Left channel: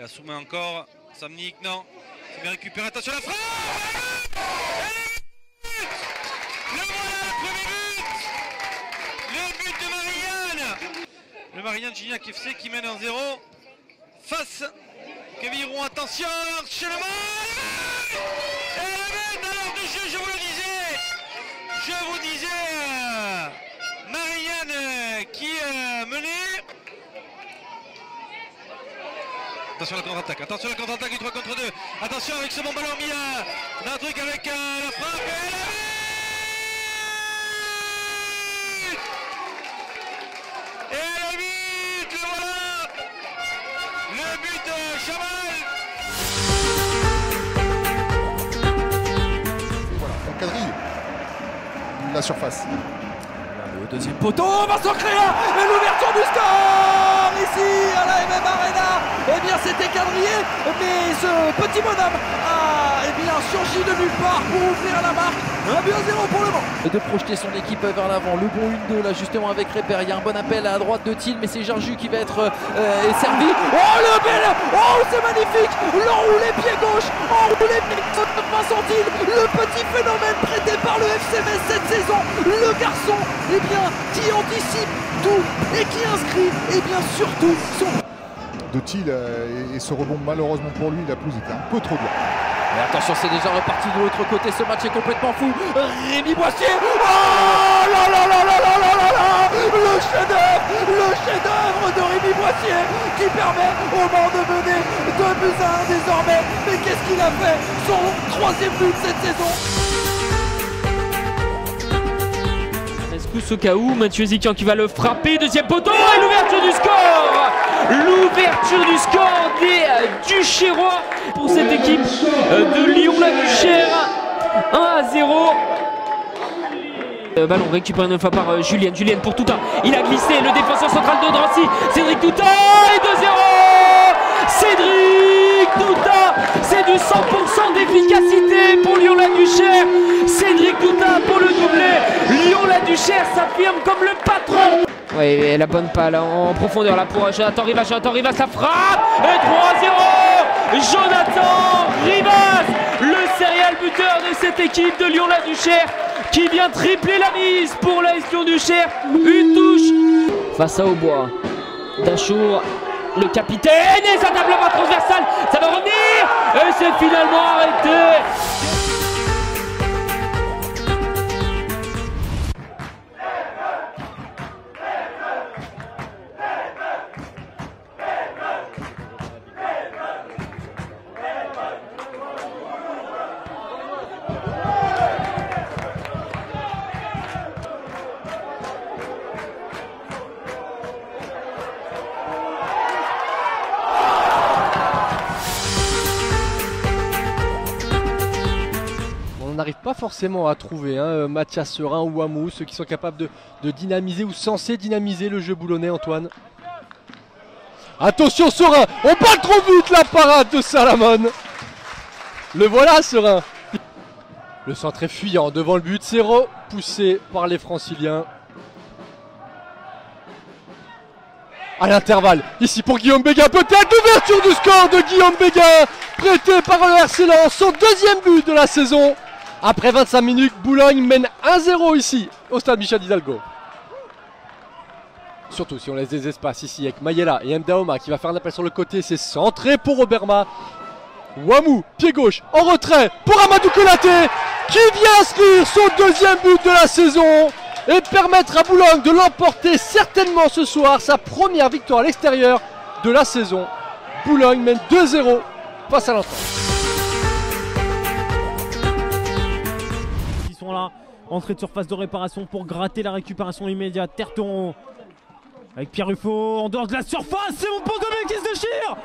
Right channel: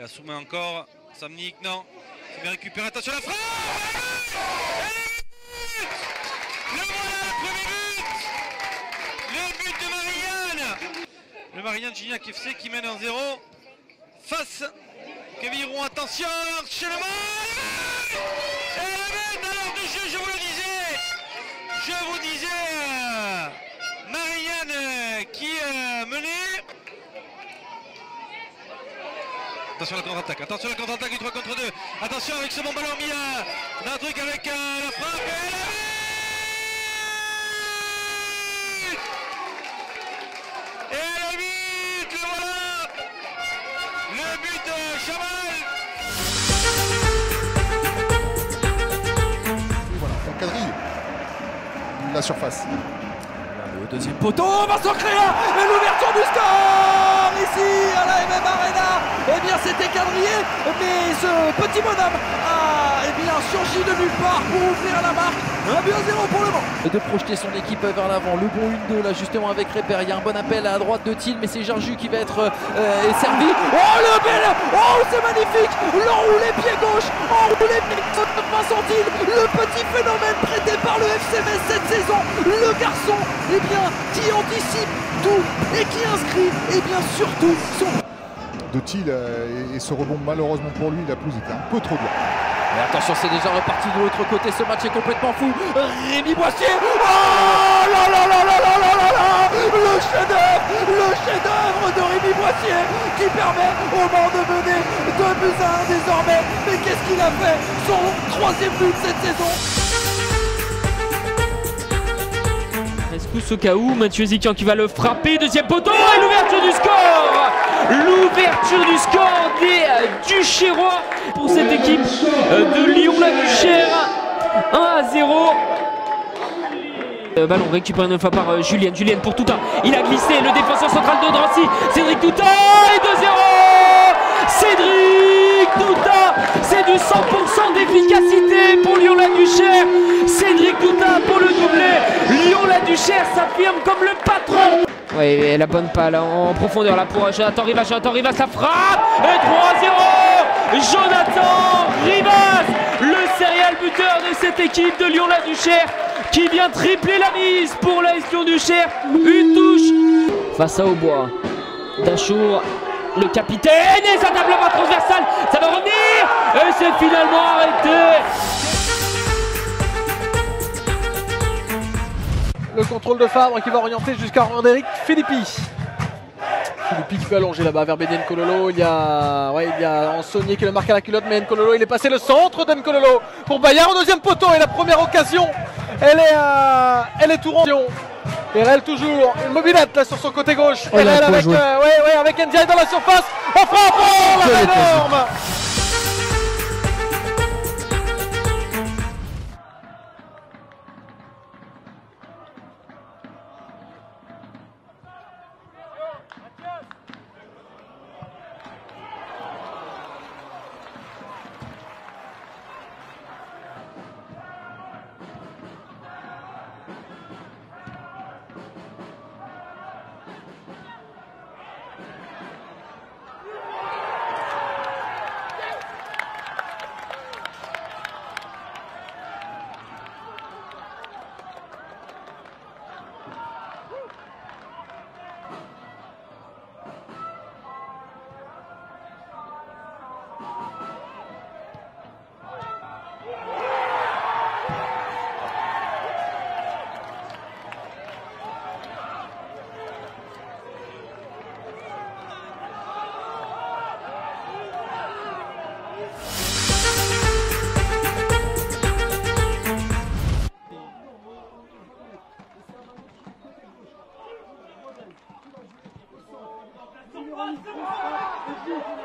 la soumet encore. Samnik, non. C'est bien récupéré. Attention à la frappe. Le voilà, le premier but. Le but de Marianne. Le Marianne Gignac FC qui mène 1-0 face Kevin Roux. Attention, chez le match. Et le but alors de jeu, je vous le disais. Je vous disais, Marianne qui menait. Attention à la contre-attaque, du 3 contre 2. Attention avec ce bon ballon mis d'un truc avec la frappe. Et le but, le voilà. Le but de Chamal. Et voilà, on quadrille la surface. Le deuxième poteau, Vincent Créa et l'ouverture du score ici à la MM Arena. Eh bien c'était quadrillé, mais ce petit bonhomme a surgi de nulle part pour ouvrir la marque. 1-0 pour le Mans. De projeter son équipe vers l'avant, le bon 1-2 là justement avec Répère. Il y a un bon appel à droite de Thiel, mais c'est Jarju qui va être servi. Oh le bel, oh c'est magnifique, l'enroulé pied gauche, enroulé pied gauche de Vincent Thiel, le petit phénomène prêté par le FC Metz cette saison, le garçon qui anticipe tout et qui inscrit surtout son... De Thiel et ce rebond malheureusement pour lui, la pelouse était un peu trop dure. Et attention, c'est déjà reparti de l'autre côté, ce match est complètement fou. Rémi Boissier, oh là là là là là là là là, le chef-d'œuvre de Rémi Boissier qui permet au Mans de mener 2-1 désormais. Mais qu'est-ce qu'il a fait? Son 3e but cette saison. Rescousse au cas où, Mathieu Zikian qui va le frapper, deuxième poteau et l'ouverture du score. L'ouverture du score des Duchérois pour cette équipe de Lyon-la-Duchère. 1-0. Ballon récupéré une fois par Julien pour Touta. Il a glissé, le défenseur central de Drancy, Cédric Touta et 2-0. Cédric Touta, c'est du 100% d'efficacité pour Lyon-la-Duchère. Cédric Touta pour le doublé. Lyon-la-Duchère s'affirme comme le patron. Oui, la bonne palle en profondeur là pour Jonathan Rivas, la frappe et 3-0. Jonathan Rivas, le serial buteur de cette équipe de Lyon-la-Duchère qui vient tripler la mise pour la Lyon-Duchère. Une touche face à Aubois. Dachour, le capitaine, et ça tape la main transversale, ça va revenir et c'est finalement arrêté. Le contrôle de Fabre qui va orienter jusqu'à Roderick Philippi. Philippi qui peut allonger là-bas vers Bédé Nkololo. Il y a Ansonier qui le marque à la culotte, mais Nkololo il est passé le centre de Nkololo pour Bayard au deuxième poteau et la première occasion elle est tout rond. Et Rel toujours, une mobilette là sur son côté gauche. Et Rel avec Ndiaye dans la surface. On frappe, énorme. On n'arrive pas forcément à trouver Mathias Serin ou Wamou, ceux qui sont capables de dynamiser ou censés dynamiser le jeu boulonnais, Antoine. Attention Serin, on parle trop vite, la parade de Salamon. Le voilà Serin. Le centre est fuyant devant le but, c'est repoussé par les Franciliens. À l'intervalle, ici pour Guillaume Béguin, peut-être l'ouverture du score de Guillaume Béguin, prêté par le RC Lens, son deuxième but de la saison. Après 25 minutes, Boulogne mène 1-0 ici, au stade Michel Hidalgo. Surtout si on laisse des espaces ici avec Mayela et Mdaoma qui va faire un appel sur le côté, c'est centré pour Oberma. Wamou, pied gauche, en retrait pour Amadou Konaté, qui vient inscrire son deuxième but de la saison et permettre à Boulogne de l'emporter certainement ce soir, sa première victoire à l'extérieur de la saison. Boulogne mène 2-0 face à l'entrée. Ils sont là, entrée de surface de réparation pour gratter la récupération immédiate. Terteron avec Pierre Ruffo en dehors de la surface, c'est mon pote qui se déchire.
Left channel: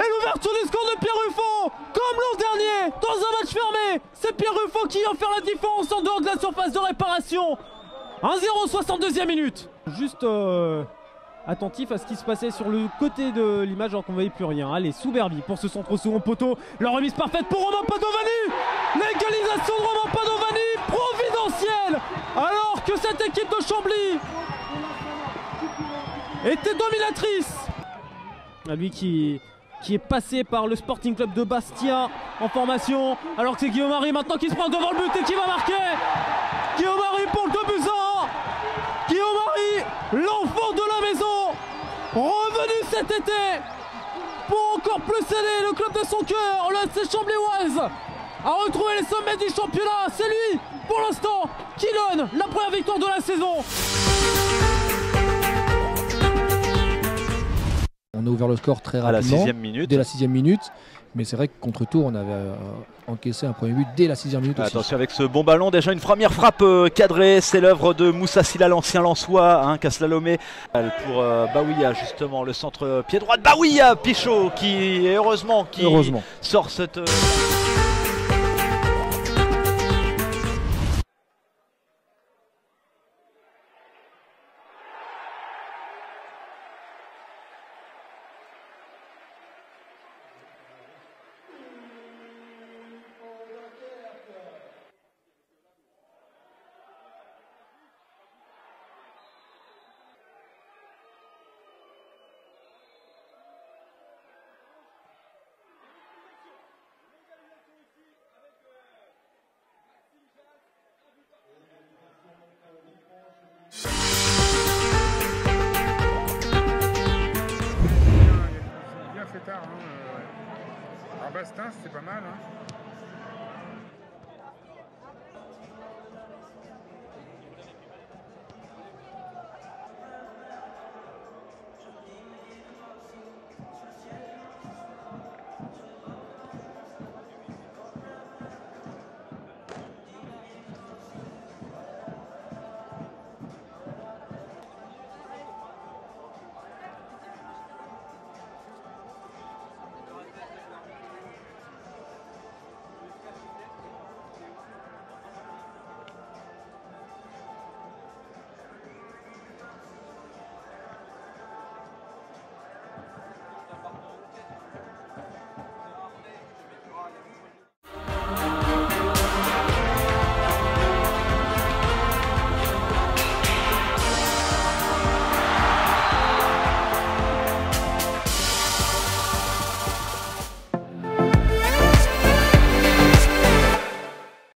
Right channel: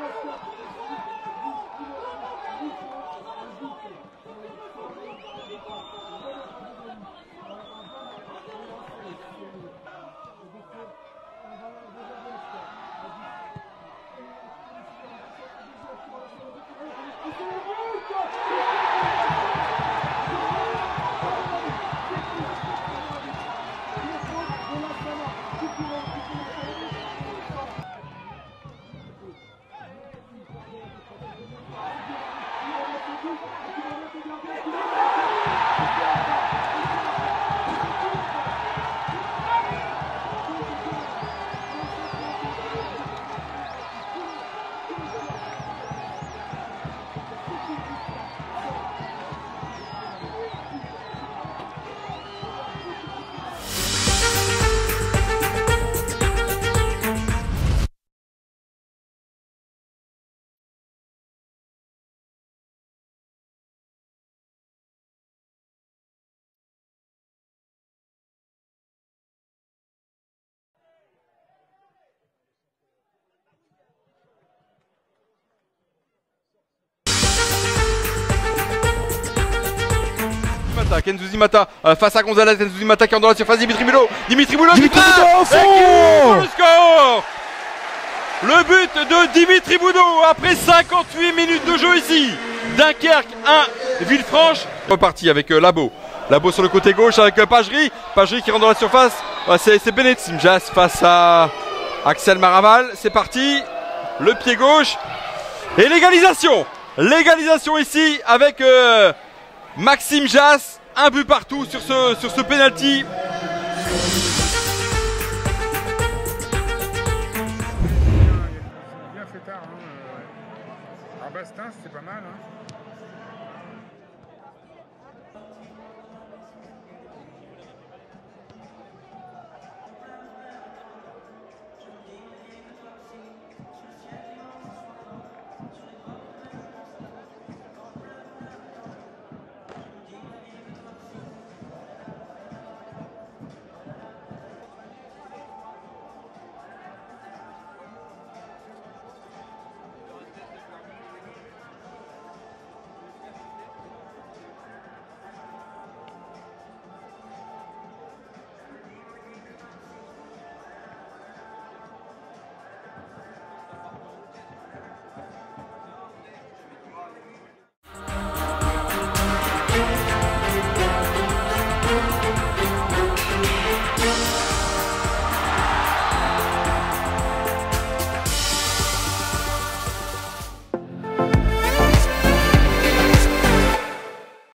Et l'ouverture du score de Pierre Ruffo, comme l'an dernier, dans un match fermé. C'est Pierre Ruffo qui vient faire la différence en dehors de la surface de réparation. 1-0, 62e minute. Juste attentif à ce qui se passait sur le côté de l'image alors qu'on ne voyait plus rien. Allez, Souberbi pour ce centre au second poteau. La remise parfaite pour Romain Padovani. L'égalisation de Romain Padovani, providentielle. Alors que cette équipe de Chambly était dominatrice. Lui qui qui est passé par le Sporting Club de Bastia en formation. Alors que c'est Guillaume Marie maintenant qui se prend devant le but et qui va marquer. Guillaume Marie pour le 2-0. Guillaume Marie, l'enfant de la maison, revenu cet été pour encore plus aider le club de son cœur, le FC Chambly-Ouest, à retrouver les sommets du championnat. C'est lui, pour l'instant, qui donne la première victoire de la saison. On a ouvert le score très rapidement, à la 6e minute. dès la 6e minute. Mais c'est vrai que contre Tours, on avait encaissé un premier but dès la 6e minute aussi. Attention avec ce bon ballon, déjà une première frappe cadrée, c'est l'œuvre de Moussa Silla, l'ancien Lensois, qui a slalomé pour Baouia, justement, le centre pied droit de Baouia, Pichot qui heureusement sort cette... Kenzouzi Mata face à Gonzalez, Kenzouzi Mata qui est dans la surface, Dimitri Mulot Dimitri Boudot au fond. Le score. Le but de Dimitri Boudot après 58 minutes de jeu ici. Dunkerque 1, Villefranche. Reparti avec Labo. Labo sur le côté gauche avec Pagerie. Pagerie qui rentre dans la surface. C'est Benet Simjas face à Axel Maraval. C'est parti. Le pied gauche. Et l'égalisation. L'égalisation ici avec Maxime Jass. Un but partout sur ce penalty. Bien fait tard. À Bastin, c'était pas mal.